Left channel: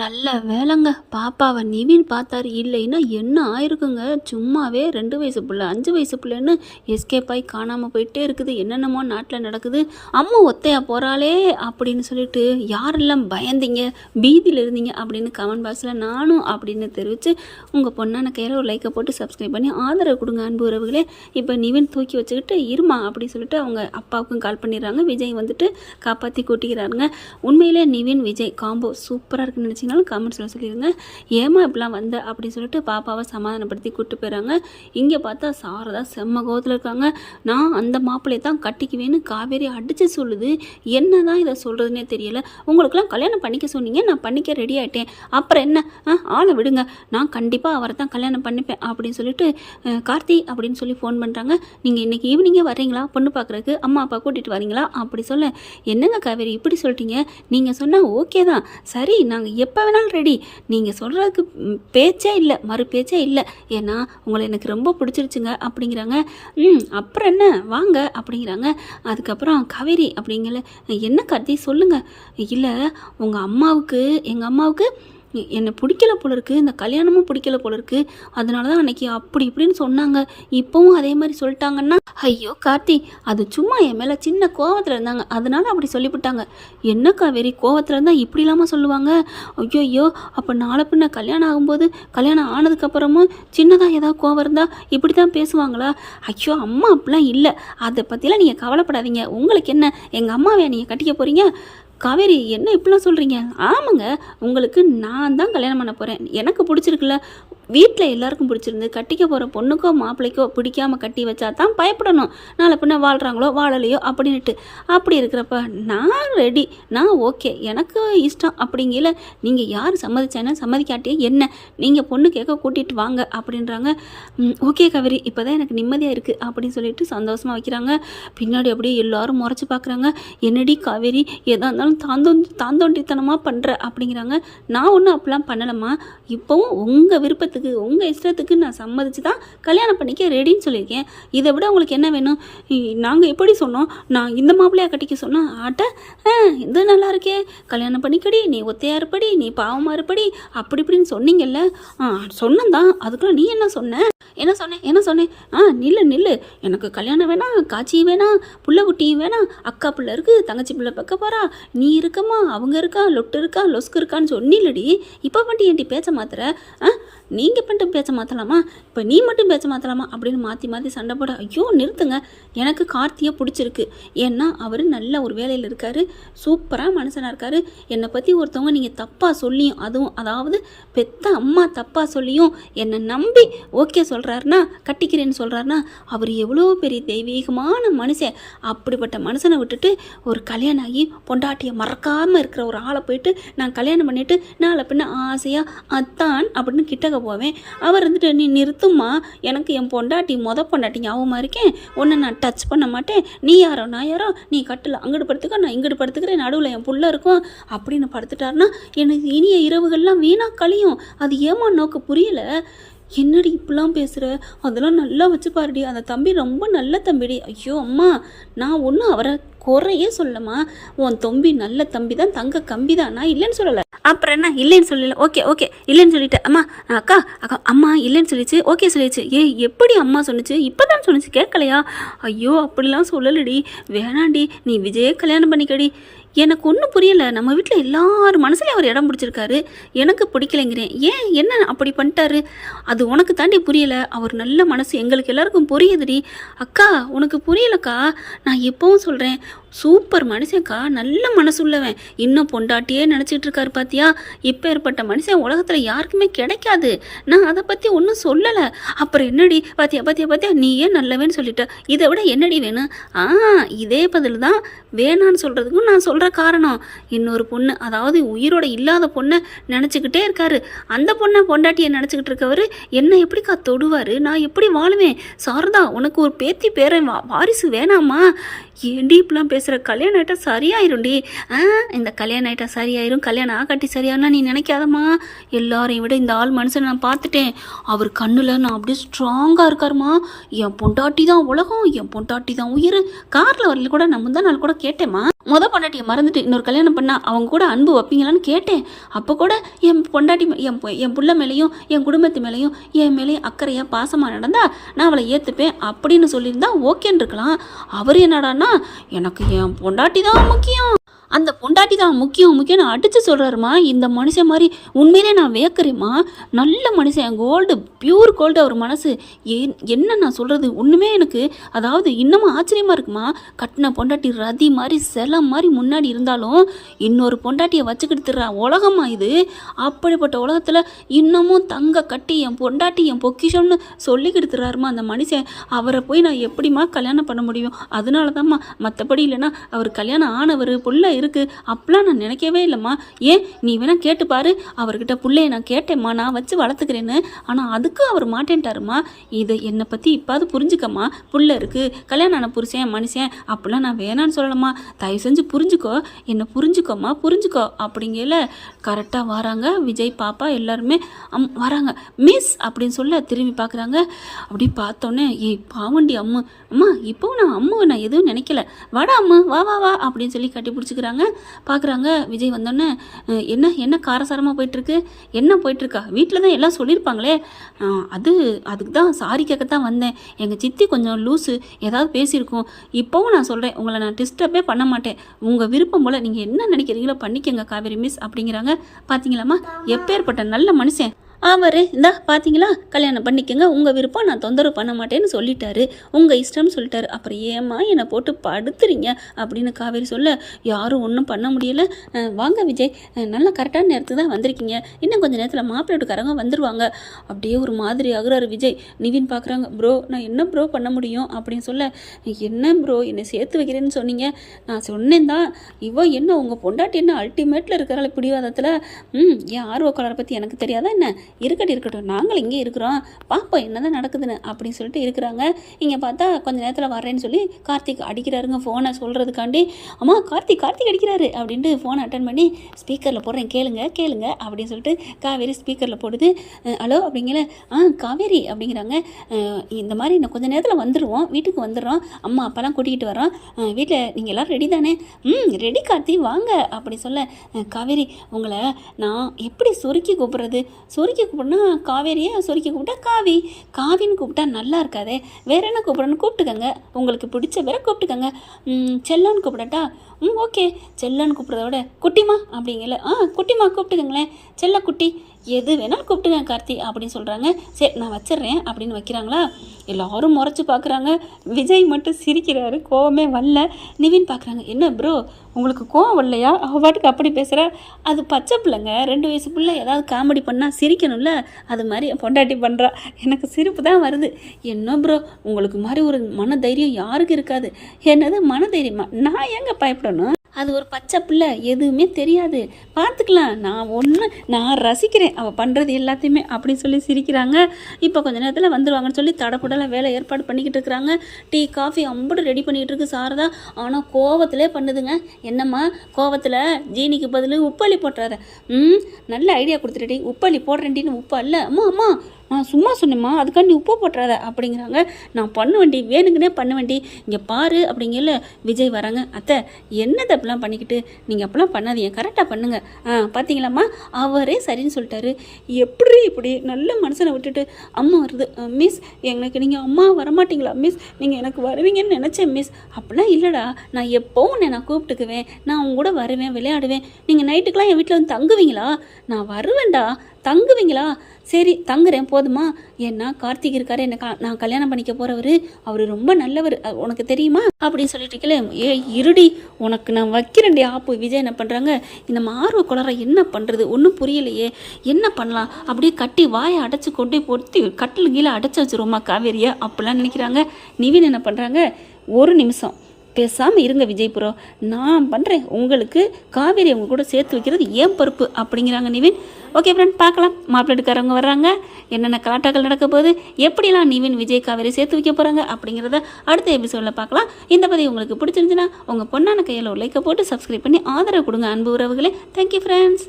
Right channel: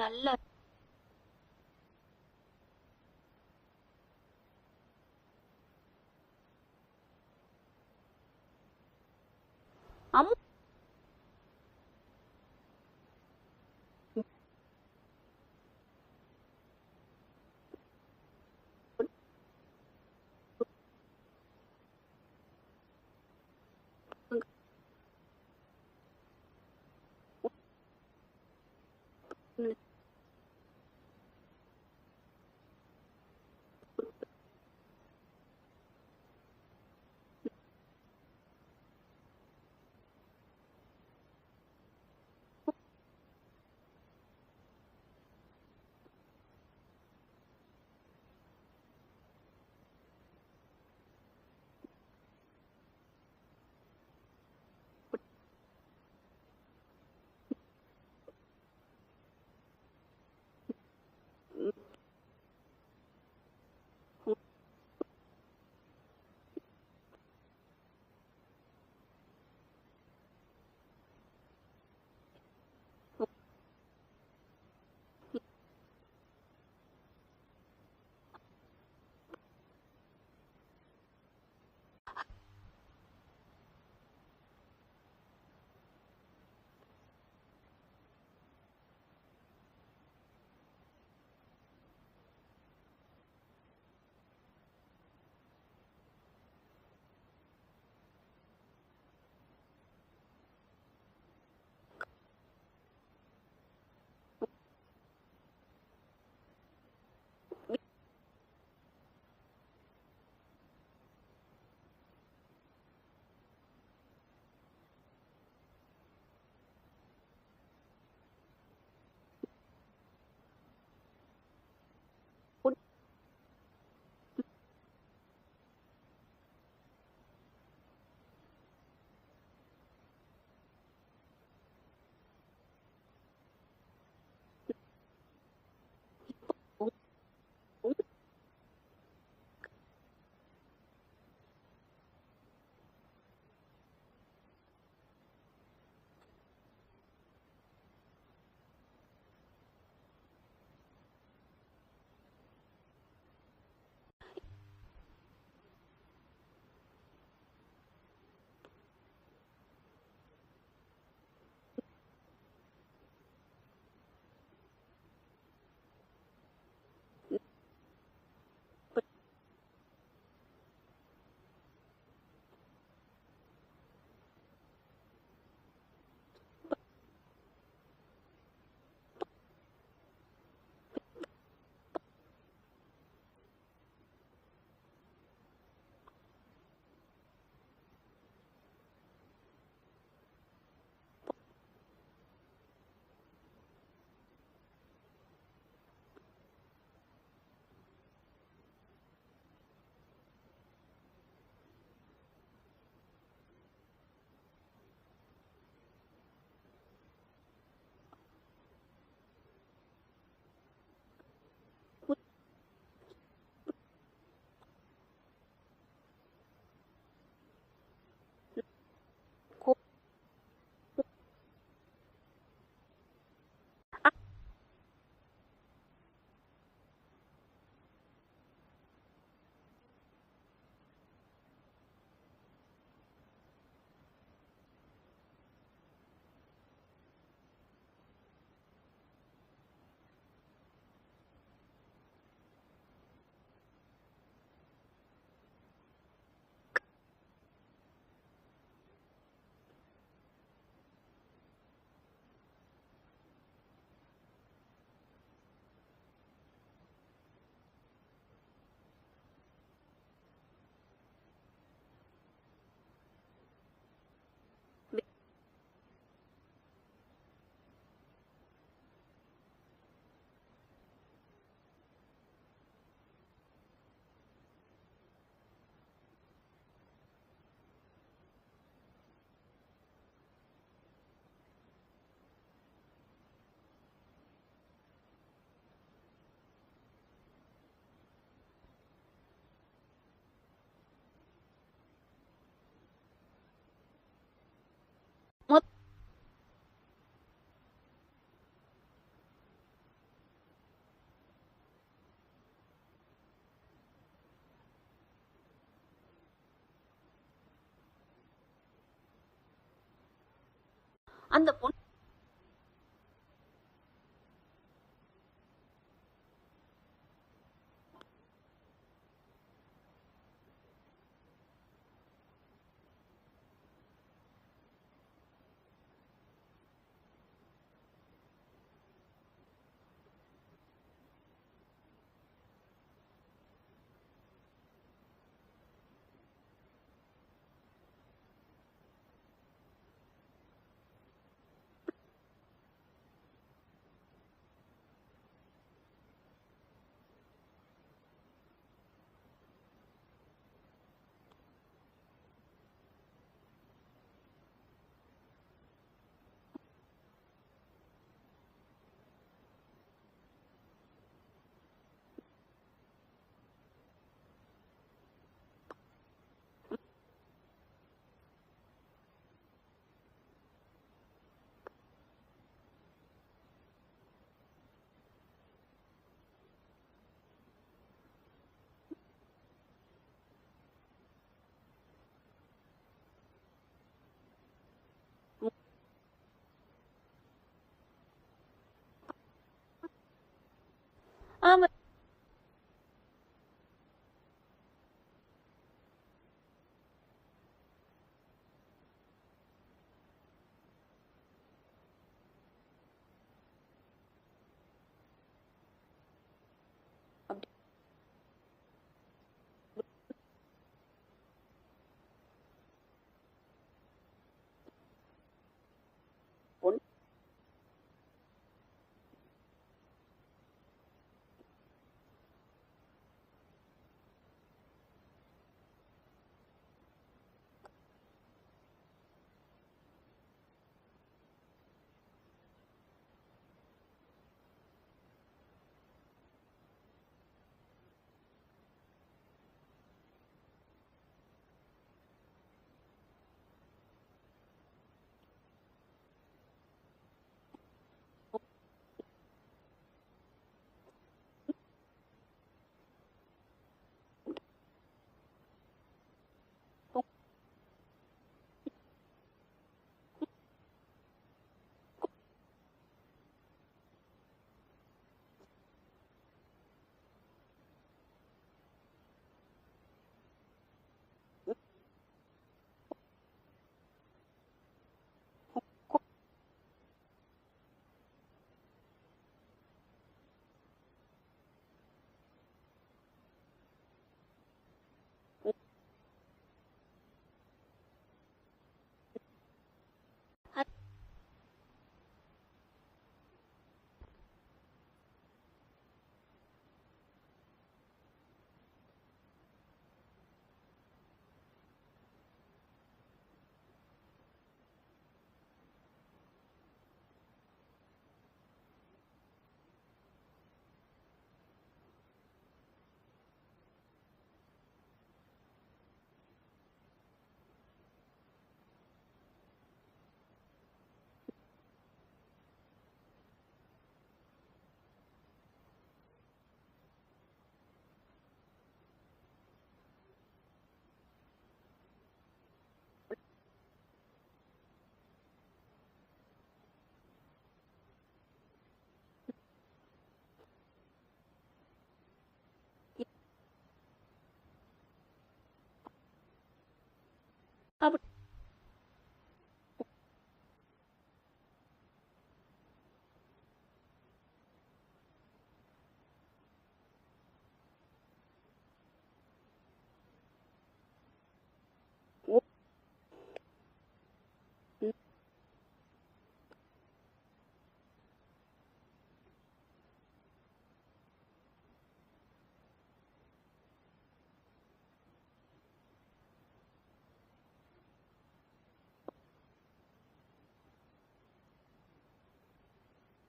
நல்ல வேலைங்க. பாப்பாவ நிவின் பார்த்தாரு. இல்லைன்னா என்ன ஆயிருக்குங்க. சும்மாவே 2 வயசு புள்ள, 5 வயசு புள்ளன்னு எஸ்கேப் ஆகி காணாமல் போயிட்டே இருக்குது. என்னென்னமோ நாட்டில் நடக்குது. அம்மா ஒத்தையா போகிறாளே அப்படின்னு சொல்லிட்டு யாரெல்லாம் பயந்தீங்க, பீதியில் இருந்தீங்க அப்படின்னு கமெண்ட் பாக்ஸில் நானும் அப்படின்னு தெரிவித்து உங்கள் பொண்ணான கையில் ஒரு லைக்கை போட்டு சப்ஸ்கிரைப் பண்ணி ஆதரவு கொடுங்க அன்பு உறவுகளே. இப்போ நிவின் தூக்கி வச்சுக்கிட்டு இருமா அப்படின்னு சொல்லிட்டு அவங்க அப்பாவுக்கும் கால் பண்ணிடுறாங்க. விஜய் வந்துட்டு காப்பாற்றி கூட்டிக்கிறாருங்க. உண்மையிலே நிவின் விஜய் காம்போ சூப்பராக இருக்குன்னு நினச்சி கமெண்ட்ஸில் சொல்லிடுங்க. ஏமா இப்படிலாம் வந்த அப்படின்னு சொல்லிட்டு பாப்பாவை சமாதானப்படுத்தி கூப்பிட்டு போயிடறாங்க. இங்கே பார்த்தா சாரதா செம்ம கோவத்தில் இருக்காங்க. நான் அந்த மாப்பிள்ளையை தான் கட்டிக்குவேன்னு காவேரி அடித்து சொல்லுது. என்ன தான் இதை சொல்கிறதுனே தெரியல. உங்களுக்குலாம் கல்யாணம் பண்ணிக்க சொன்னீங்க, நான் பண்ணிக்க ரெடி ஆகிட்டேன். அப்புறம் என்ன, ஆளை விடுங்க, நான் கண்டிப்பாக அவரை தான் கல்யாணம் பண்ணிப்பேன் அப்படின்னு சொல்லிட்டு கார்த்தி அப்படின்னு சொல்லி ஃபோன் பண்ணுறாங்க. நீங்கள் இன்றைக்கி ஈவினிங்கே வர்றீங்களா பொண்ணு பார்க்குறதுக்கு, அம்மா அப்பா கூட்டிகிட்டு வரீங்களா அப்படி சொல்ல. என்னங்க காவேரி இப்படி சொல்லிட்டீங்க, நீங்கள் சொன்னால் ஓகே தான், சரி நாங்கள் எப்போ வேணாலும் ரெடி, நீங்கள் சொல்கிறதுக்கு பேச்சே இல்லை, மறு பேச்சே இல்லை, ஏன்னா உங்களை எனக்கு ரொம்ப பிடிச்சிருச்சுங்க அப்படிங்கிறாங்க. அப்புறம் என்ன வாங்க அப்படிங்கிறாங்க. அதுக்கப்புறம் காவேரி அப்படிங்கல, என்ன கார்த்தி சொல்லுங்கள். இல்லை உங்கள் அம்மாவுக்கு எங்கள் அம்மாவுக்கு என்னை பிடிக்கல போல இருக்குது, இந்த கல்யாணமும் பிடிக்கல போல இருக்குது, அதனால தான் அன்றைக்கி அப்படி இப்படின்னு சொன்னாங்க, இப்போவும் அதே மாதிரி சொல்லிட்டாங்கன்னா. ஐயோ கார்த்தி, அது சும்மா என் மேலே சின்ன கோவத்தில் இருந்தாங்க, அதனால அப்படி சொல்லிவிட்டாங்க. என்ன காவேரி கோவத்தில் இருந்தால் இப்படி இல்லாமல் சொல்லுவாங்க? ஐயோ அப்போ நாளை பின்ன கல்யாணம் ஆகும்போது, கல்யாணம் ஆனதுக்கப்புறமும் சின்னதாக ஏதாவது கோவம் இருந்தால் இப்படி தான் பேசுவாங்களா? ஐயோ அம்மா அப்படிலாம் இல்லை, அதை பற்றிலாம் நீங்கள் கவலைப்படாதீங்க. உங்களுக்கு என்ன, எங்கள் அம்மாவை நீங்கள் கட்டிக்க போகிறீங்க? காவேரி என்ன இப்படிலாம் சொல்கிறீங்க? ஆமாங்க, உங்களுக்கு நான் தான் கல்யாணம் பண்ண போகிறேன், எனக்கு பிடிச்சிருக்குல்ல, வீட்டில் எல்லாருக்கும் பிடிச்சிருந்து, கட்டிக்க போகிற பொண்ணுக்கோ மாப்பிள்ளைக்கோ பிடிக்காமல் கட்டி வச்சா தான் பயப்படணும், நாளை பின்ன வாழ்கிறாங்களோ வாழலையோ அப்படின்ட்டு. அப்படி இருக்கிறப்ப நான் ரெடி, நான் ஓகே, எனக்கு இஷ்டம் அப்படிங்கல. நீங்கள் யார் சம்மதிச்சேன்னா சம்மதிக்காட்டியே என்ன, நீங்கள் பொண்ணு கேட்க கூட்டிகிட்டு வாங்க அப்படின்றாங்க. ஓகே காவேரி, இப்போ தான் எனக்கு நிம்மதியாக இருக்குது அப்படின்னு சொல்லிட்டு சந்தோஷமாக வைக்கிறாங்க. பின்னாடி அப்படியே எல்லாரும் முறைச்சி பார்க்குறாங்க. என்னடி காவேரி எதாக இருந்தாலும் தாந்தோண்டித்தனமாக பண்ணுற அப்படிங்கிறாங்க. நான் ஒன்றும் அப்படிலாம் பண்ணலம்மா, இப்போவும் உங்கள் விருப்பத்துக்கு உங்கள் இஷ்டத்துக்கு நான் சம்மதிச்சு தான் கல்யாணம் பண்ணிக்க ரெடின்னு சொல்லியிருக்கேன். இதை விட உங்களுக்கு என்ன வேணும்? நாங்கள் எப்படி சொன்னோம், நான் இந்த மாப்பிள்ளையா கட்டிக்க சொன்னோம், இது நல்லா இருக்கே, கல்யாணம் பண்ணிக்கடி, நீ ஒத்தையா இருப்படி, நீ பாவமாக இருப்படி அப்படி இப்படின்னு சொன்னீங்கல்ல. சொன்னதான், அதுக்குள்ள நீ என்ன சொன்ன? என்ன சொன்னேன்? நில்லு, எனக்கு கல்யாணம் வேணாம், காட்சி வேணாம், புள்ள குட்டியும் வேணாம், அக்கா பிள்ளை இருக்குது, தங்கச்சி பிள்ளை பக்க போகிறா, நீ இருக்கம்மா, அவங்க இருக்கா, லொட்டு இருக்கா, லொஸ்கு இருக்கான்னு சொன்னில்லடி, இப்போ பண்ணிட்டு ஏன்டி பேச்ச மாத்திர? நீங்கள் பண்ணிட்டு பேச்ச மாற்றலாமா, இப்போ நீ மட்டும் பேச்ச மாற்றலாமா அப்படின்னு மாற்றி சண்டை போட. ஐயோ நிறுத்துங்க, எனக்கு கார்த்தியை பிடிச்சிருக்கு. ஏன்னா அவர் நல்ல ஒரு வேலையில் இருக்கார், சூப்பராக மனுஷனாக இருக்கார். என்னை பற்றி ஒருத்தவங்க நீங்கள் தப்பாக சொல்லியும், அதுவும் அதாவது பெத்த அம்மா தப்பாக சொல்லியும் என்னை நம்பி ஓகே சொல்கிறாருன்னா, கட்டிக்கிறேன்னு சொல்கிறாருன்னா, அவர் எவ்வளோ பெரிய தெய்வீகமான மனுஷன். அப்படிப்பட்ட மனுஷனை விட்டுட்டு ஒரு கல்யாணம் ஆகி பொண்டாட்டியை மறக்காமல் இருக்கிற ஒரு ஆளை போயிட்டு நான் கல்யாணம் பண்ணிவிட்டு நாளை பின்ன ஆசையாக அத்தான் அப்படின்னு கிட்டக்க போவேன். அவர் இருந்துட்டு நீ நிறுத்துமா, எனக்கு என் பொண்டாட்டி பொண்டாட்டி ஞாபகமாக இருக்கேன், உன்னை நான் டச் பண்ண மாட்டேன், நீ யாரோ நான் யாரோ, நீ கட்டில் அங்கிட்டு படுத்துக்க, நான் இங்கிட்டு படுத்துக்கிறேன், நடுவில் என் புள்ள இருக்கும் அப்படின்னு படுத்துட்டாருன்னா எனக்கு இனிய இரவுகள்லாம் வீணாக கழியும். அது ஏமா நோக்கு புரியலை. என்னடி இப்படிலாம் பேசுகிற, அதெல்லாம் நல்லா வச்சு பாருடி, அந்த தம்பி ரொம்ப நல்ல தம்பிடி. ஐயோ அம்மா, நான் ஒன்றும் அவரை குறையே சொல்லம்மா, உன் தம்பி நல்ல தம்பி தான், தங்க கம்பி தான், நான் இல்லைன்னு சொல்லலை. அப்புறம் என்ன இல்லைன்னு சொல்லல? ஓகே இல்லைன்னு சொல்லிட்டேன். அக்கா அம்மா இல்லைன்னு சொல்லிச்சு, ஓகே சொல்லிச்சு. எப்படி அம்மா சொன்னிச்சு, இப்போ தான் சொன்னிச்சு, கேட்கலையா? ஐயோ அப்படிலாம் சொல்லலடி, வேணாண்டி, நீ விஜயே கல்யாணம் பண்ணிக்கடி. எனக்கு ஒன்றும் புரியலை, நம்ம வீட்டில் எல்லாரும் மனசுலேயும் அவர் இடம் பிடிச்சிருக்காரு, எனக்கு பிடிக்கலைங்கிறேன், ஏன் என்ன அப்படி பண்ணிட்டாரு? அது உனக்கு தாண்டி புரியலை, அவர் நல்ல மனசு எங்களுக்கு எல்லாருக்கும் புரியுதுடி. அக்கா உனக்கு புரியலக்கா, நான் எப்பவும் சொல்கிறேன், சூப்பர் மனுஷன்க்கா, நல்ல மனசு உள்ளவன், இன்னும் பொண்டாட்டியே நினச்சிட்டு இருக்காரு பார்த்தியா, இப்போ ஏற்பட்ட மனுஷன் உலகத்தில் யாருக்குமே கிடைக்காது. நான் அதை பற்றி ஒன்றும் சொல்லலை. அப்புறம் என்னடி பாத்தியா நீ ஏன் நல்லவேன்னு சொல்லிட்ட, இதை விட என்னடி வேணும்? இதே பதில் தான் வேணான்னு சொல்கிறதுக்கும் நான் சொல்கிற காரணம். இன்னொரு பொண்ணு, அதாவது உயிரோட இல்லாத பொண்ணை நினச்சிக்கிட்டே இருக்காரு, அந்த பொண்ணை பொண்டாட்டியை நினச்சிக்கிட்டு இருக்கவர் என்ன எப்படிக்கா தொடுவார், நான் எப்படி வாழுவேன்? சாரதா உனக்கு ஒரு பேத்தி பேரன் வாரிசு வேணாமா? ஏண்டி இப்பெல்லாம் பேசுகிற, கல்யாணம் ஆகிட்டா சரியாயிரும்டி. இந்த கல்யாணம் ஆகிட்டா சரியாயிரும், கல்யாணம் ஆகட்டி சரியானா நீ நினைக்காதம்மா. எல்லாரையும் விட இந்த ஆள் மனுஷனை நான் பார்த்துட்டேன், அவர் கண்ணில் நான் அப்படியே ஸ்ட்ராங்காக இருக்காருமா. என் பொண்டாட்டி தான் உலகம், என் பொண்டாட்டி தான் உயிர். காரில் வரல கூட நான் முந்தா நாள் கூட கேட்டேம்மா, பொண்டாட்டியை மறந்துட்டு இன்னொரு கல்யாணம் பண்ணா அவங்க கூட அன்பு வைப்பீங்களான்னு கேட்டேன். அப்போ கூட என் பொண்டாட்டி என் புள்ள மேலேயும் என் குடும்பத்து மேலேயும் என் மேலேயும் அக்கறையாக பாசமாக நடந்தா நான் அவளை ஏற்றுப்பேன் அப்படின்னு சொல்லியிருந்தா ஓகேன்னு இருக்கலாம். அவர் என்னடான்னா எனக்கு என் பொண்டாட்டி தான் முக்கியம், அந்த பொண்டாட்டி தான் முக்கியம்னு அடித்து சொல்கிறாருமா. இந்த மனுஷன் மாதிரி உண்மையிலே நான் வேக்கிறேம்மா. நல்ல மனுஷன், கோல்டு, பியூர் கோல்டு அவர் மனசு. என்ன நான் சொல்கிறது ஒன்றுமே எனக்கு அதாவது இன்னமும் ஆச்சரியமாக இருக்குமா. கட்டின பொண்டாட்டி ரதி மாதிரி சிலை மாதிரி முன்னாடி இருந்தாலும் இன்னொரு பொண்டாட்டியை வச்சுக்கிட்டுறா உலகமா இது. அப்படிப்பட்ட உலகத்தில் இன்னமும் தங்க கட்டி என் பொண்டாட்டி என் பொக்கிஷம்னு சொல்லிக்கிட்டுறாருமா அந்த மனுஷன். அவரை போய் நான் எப்படிமா கல்யாணம் பண்ண முடியும்? அதனால தான்மா, மற்றபடி இல்லைன்னா அவர் கல்யாணம் ஆனவர் புள்ள இருக்கு அப்பெல்லாம் நான் நினைக்கவே இல்லைம்மா. ஏன் நீ வேணா கேட்டு பாரு, அவர்கிட்ட பிள்ளைய நான் கேட்டேம்மா, நான் வச்சு வளர்த்துக்கிறேன்னு. ஆனால் அதுக்கு அவர் மாட்டேன்ட்டாருமா. இதை என்னை பற்றி இப்பாவது புரிஞ்சுக்கம்மா. புள்ள இருக்கு, கல்யாணம் ஆன புருஷன் மனுஷன் அப்படிலாம் நான் வேணான்னு சொல்லலாமா. தயவு செஞ்சு புரிஞ்சுக்கோ, என்னை புரிஞ்சுக்கோம்மா, புரிஞ்சுக்கோ அப்படிங்கல கரெக்டாக வராங்க விஜய் பாப்பா எல்லாருமே வராங்க. மிஸ் அப்படின்னு சொல்ல திரும்பி பார்க்குறாங்க. அப்படி பார்த்தோன்னே பாவண்டி அம்மா இப்போவும் நான் எதுவும் நினைக்கல, வாடா அம்மா, வா வா வா அப்படின்னு சொல்லி கட்டி பிடிச்சிக்கிறாங்க. பார்க்குறாங்க. விஜய் வந்தோடனே என்ன காரசாரமாக போயிட்டுருக்கு, என்ன போயிட்டுருக்கா? வீட்டில் தான் எல்லாம் சொல்லியிருப்பாங்களே. அதுக்கு தான் சாரி கேட்கத்தான் வந்தேன். எங்கள் சித்தி கொஞ்சம் லூஸு, ஏதாவது பேசியிருக்கோம். இப்போவும் நான் சொல்கிறேன், உங்களை நான் டிஸ்டர்பே பண்ண மாட்டேன். உங்கள் விருப்பம் போல் நீங்கள் என்ன நினைக்கிறீங்களோ பண்ணிக்கங்க காவேரி மிஸ் அப்படிங்கிறாங்க. பார்த்தீங்களாம்மா எப்பேற்பட்ட நல்ல மனுஷன் அவர். இந்தா பார்த்தீங்களா, கல்யாணம் பண்ணிக்கங்க, உங்கள் விருப்பம், நான் தொந்தரவு பண்ண மாட்டேன்னு சொல்லிட்டாரு, உங்கள் இஷ்டம்னு சொல்லிட்டாரு. அப்புறம் ஏம்மா என்னை போட்டு படுத்துறீங்க அப்படின்னு காவேரி சொல்ல யாரும் ஒன்றும் பண்ண முடியலை. வாங்க விஜய், நல்லா கரெக்டான நேரத்துக்கு தான் வந்திருக்கீங்க, இன்னும் கொஞ்சம் நேரத்தில் மாப்பிள்ளை வீட்டுக்காரங்க வந்துடுவாங்க. அப்படியே ஒரு மாதிரி ஆகுறாரு விஜய். நிவின் பார்க்குறாங்க. ப்ரோ நான் என்ன ப்ரோ பண்ண முடியும் அப்படின்னு சொல்ல, என்ன ப்ரோ என்னை சேர்த்து வைக்கிறேன்னு சொன்னீங்க, நான் சொன்னேன் தான். என்ன உங்கள் பொண்டாட்டி என்ன அல்டிமேட்டில் இருக்கிறாள் பிடிவாதத்தில்? என் ஆர்வக்காரரை பற்றி எனக்கு தெரியாதா என்ன? இருக்கட்டும் நாங்கள் இங்கே இருக்கிறோம், பாப்போம் என்னதான் நடக்குதுன்னு அப்படின்னு சொல்லிட்டு இருக்கிறாங்க. இங்கே பார்த்தா கொஞ்சம் நேரத்தில் வரேன்னு சொல்லி கார்த்திக் அடிக்கிறாருங்க ஃபோனை சொல்கிறதுக்காண்டி. அம்மா கார்த்திக் அடிக்கிறாரு அப்படின்ட்டு ஃபோனை அட்டன் பண்ணி ஸ்பீக்கரில் போடுறேன், கேளுங்க அப்படின்னு சொல்லிட்டு காவேரி ஸ்பீக்கரில் போடுது. ஹலோ அப்படிங்கிற காவேரி அப்படிங்கிறாங்க. இந்த மாதிரி இன்னும் கொஞ்சம் நேரத்தில் வந்துடுவோம், வீட்டுக்கு வந்துடுறோம், அம்மா அப்பெல்லாம் கூட்டிகிட்டு வரோம், வீட்டில் நீங்கள் எல்லோரும் ரெடி தானே? ரெடி கார்த்தி வாங்க அப்படி சொல்ல, காவேரி உங்களை நான் எப்படி சொருக்கி கூப்பிட்றது? சொருக்கி கூப்பிட்னா காவேரியை சொருக்கி கூப்பிட்டா காவின்னு கூப்பிட்டா நல்லா இருக்காதே, வேற என்ன கூப்பிடணும்னு கூப்பிட்டுக்கங்க, உங்களுக்கு பிடிச்ச வேற கூப்பிட்டுக்கங்க. செல்லன்னு கூப்பிடட்டா? ஓகே, செல்லன்னு கூப்பிட்றத விட குட்டிமா அப்படிங்கல, குட்டிமா கூப்பிட்டுக்கங்களேன், செல்ல குட்டி எது வேணாலும் கூப்பிட்டுங்க கார்த்தி அப்படின்னு சொல்கிறாங்க. சரி நான் வச்சிட்றேன் அப்படின்னு வைக்கிறாங்களா. எல்லோரும் முறைச்சி பார்க்குறாங்க. விஜய் மட்டும் சிரிக்கிறாரு, கோவமே வரல. நிவின் பார்க்குறாங்க. என்ன ப்ரோ உங்களுக்கு கோவம் வரலையா? அவள் பாட்டுக்கு அப்படி பேசுகிறா. அது பச்சை பிள்ளைங்க, 2 வயசு பிள்ளை ஏதாவது காமெடி பண்ணால் சிரிக்கணும்ல, அது மாதிரி பொண்டாட்டி பண்ணுறா. எனக்கு சிரிப்பு தான் வருது. என்ன ப்ரோ உங்களுக்கு மாதிரி ஒரு மன தைரியம் யாருக்கு இருக்காது? என்னது மன தைரியமா? நான் எங்கே பயப்படணும்? அது ஒரு பச்சை பிள்ளை, எதுவுமே தெரியாது, பார்த்துக்கலாம், நான் ரசிக்கிறேன் அவள் பண்ணுறது எல்லாத்தையுமே அப்படின்னு சொல்லி சிரிக்கிறாங்க. இப்போ கொஞ்சம் நேரத்தில் வந்துடுவாங்கன்னு சொல்லி தடப்புடலாம் வேலை ஏற்பாடு பண்ணிக்கிட்டு இருக்கிறாங்க. டீ காஃபி அம்புட்டு ரெடி பண்ணிக்கிட்டு இருக்கு சாரதா. ஆனால் கோவத்திலே பண்ணுதுங்க. என்னம்மா கோவத்தில் ஜீனிக்கு பதில் உப்பள்ளி போட்டுறாத. நல்ல ஐடியா கொடுத்துட்டே, உப்பள்ளி போடுறேன்டின்னு உப்பா இல்லை அம்மா நான் சும்மா சொன்னேம்மா, அதுக்காண்டி உப்பு போட்டுறாத அப்படிங்கிறாங்க. நான் பண்ணுவேண்டி, வேணுங்கன்னே பண்ணுவேண்டி, இங்கே பாரு அப்படிங்கல. விஜய் வராங்க. அத்தை என்னதை அப்படிலாம் பண்ணிக்கிட்டு நீங்கள் அப்படிலாம் பண்ணாதீங்க, கரெக்டாக பண்ணுங்க. பார்த்தீங்களாம்மா அவரே சரின்னு சொல்லிட்டாரு. இப்படி நல்ல மனுஷனை விட்டுட்டு அம்மா வருது மிஸ், எனக்கு நீங்கள் அம்மா வரமாட்டிங்களா மிஸ்? நீங்கள் எனக்கு வருவீங்கன்னு நினச்சேன் மிஸ். அப்படிலாம் இல்லைடா, நான் எப்போவும் நான் கூப்பிட்டுக்குவேன், நான் அவங்க கூட வருவேன், விளையாடுவேன். நீங்கள் நைட்டுக்கெலாம் என் வீட்டில் வந்து தங்குவீங்களா? நான் வருவேன்டா, தங்குவீங்களா? சரி தங்குறேன் போதுமா? ஏன்னா கார்த்திக் இருக்காரு, என்ன நான் கல்யாணம் பண்ணிக்க போகிறவர், அவர் ரொம்ப நல்லவர், உனக்கு தெரியுமா அப்படின்னு சொல்லிட்டு இருடி உனக்கு நான் வைக்கிறேன்டி ஆப்பு. விஜய் என்ன பண்ணுறாங்க, இந்த ஆர்வ குளரை என்ன பண்ணுறது ஒன்றும் புரியலையே, என்ன பண்ணலாம்? அப்படியே கட்டி வாயை அடைச்சி கொண்டே பொறுத்தி கட்டில் கீழே அடைச்சி வச்சுருவோமா காவேரியை அப்படிலாம் நினைக்கிறாங்க. நிவின் என்ன பண்ணுறாங்க, ஒரு நிமிஷம் பேசாமல் இருங்க விஜய் ப்ரோ, நான் பண்ணுறேன் உங்களுக்கு, காவேரி அவங்க கூட சேர்த்து வைக்கிறது ஏன் பொறுப்பு அப்படிங்கிறாங்க நிவின். ஓகே ஃப்ரெண்ட், பார்க்கலாம் மாப்பிள்ளைக்காரவங்க வர்றாங்க, என்னென்ன கலாட்டாக்கள் நடக்க போகுது, எப்படிலாம் நிவின் விஜய் காவேரி சேர்த்து வைக்க போகிறாங்க அப்படிங்கிறத அடுத்த எபிசோடில் பார்க்கலாம். இந்த பதிவு உங்களுக்கு பிடிச்சிருந்துச்சுன்னா உங்கள் பொண்ணான கையில் ஒரு லைக்கை போட்டு சப்ஸ்கிரைப் பண்ணி ஆதரவு கொடுங்க அன்பு உறவுகளே. Thank you friends.